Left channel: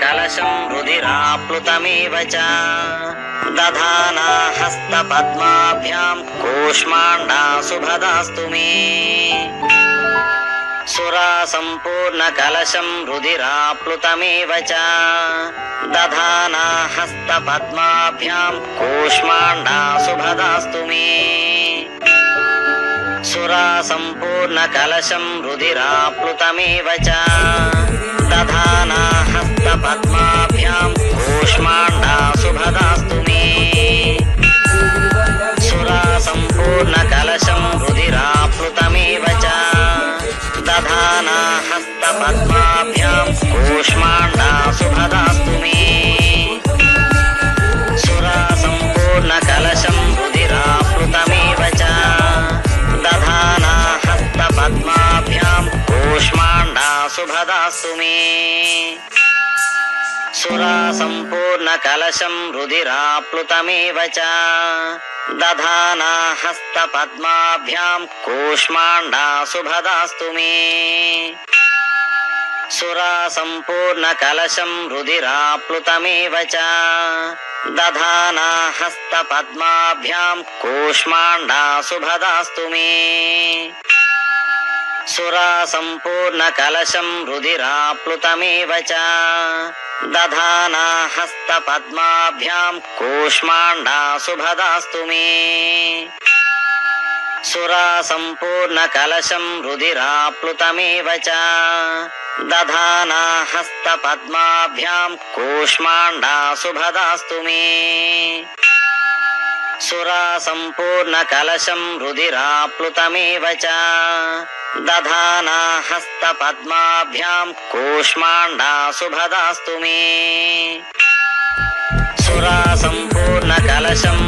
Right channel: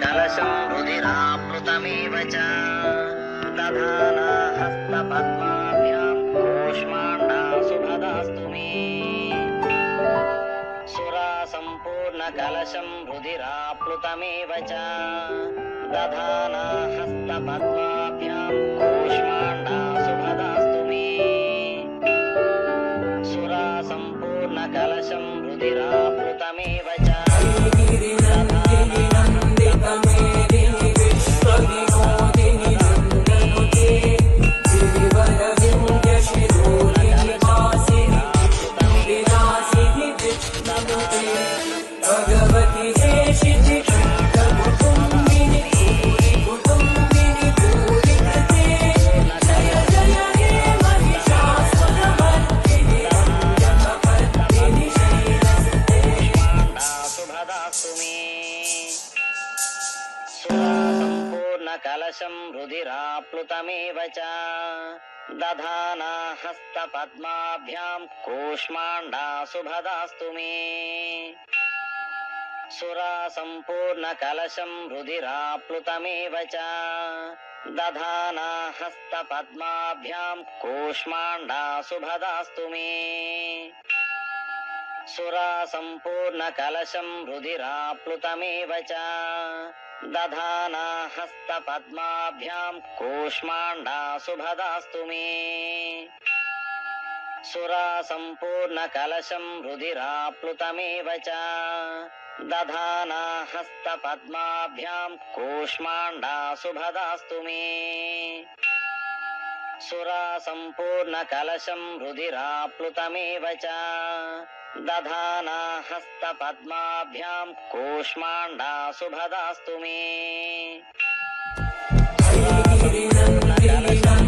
कलशं रुधिराप्लुतमेव च दधाना हस्तपद्माभ्यां कूष्माण्डा सुभदास्तु मे सुरासम्पूर्णकलशं रुधिराप्लुतमेव च दधाना हस्तपद्माभ्यां कूष्माण्डा सुभदास्तु मे सुरासम्पूर्णकलशं रुधिराप्लुतमेव च दधाना हस्तपद्माभ्यां कूष्माण्डा सुभदास्तु मे सुरासम्पूर्णकलशं रुधिराप्लुतमेव च दधाना हस्तपद्माभ्यां कूष्माण्डा सुभदास्तु मे सुरासम्पूर्णकलशं रुधिराप्लुतमेव च दधाना हस्तपद्माभ्यां कूष्माण्डा सुभदास्तु मे सुरासम्पूर्णकलशं रुधिराप्लुतमेव च दधाना हस्तपद्माभ्यां कूष्माण्डा सुभदास्तु मे सुरासम्पूर्णकलशं रुधिराप्लुतमेव च दधाना हस्तपद्माभ्यां कूष्माण्डा सुभदास्तु मे सुरासम्पूर्णकलशं रुधिराप्लुतमेव च दधाना हस्तपद्माभ्यां कूष्माण्डा सुभदास्तु मे सुरासम्पूर्णकलशं रुधिराप्लुतमेव च दधाना हस्तपद्माभ्यां कूष्माण्डा सुभदास्तु मे सुरासम्पूर्णकलशं रुधिराप्लुतमेव च दधाना हस्तपद्माभ्यां कूष्माण्डा सुभदास्तु मे सुरासम्पूर्णकलशं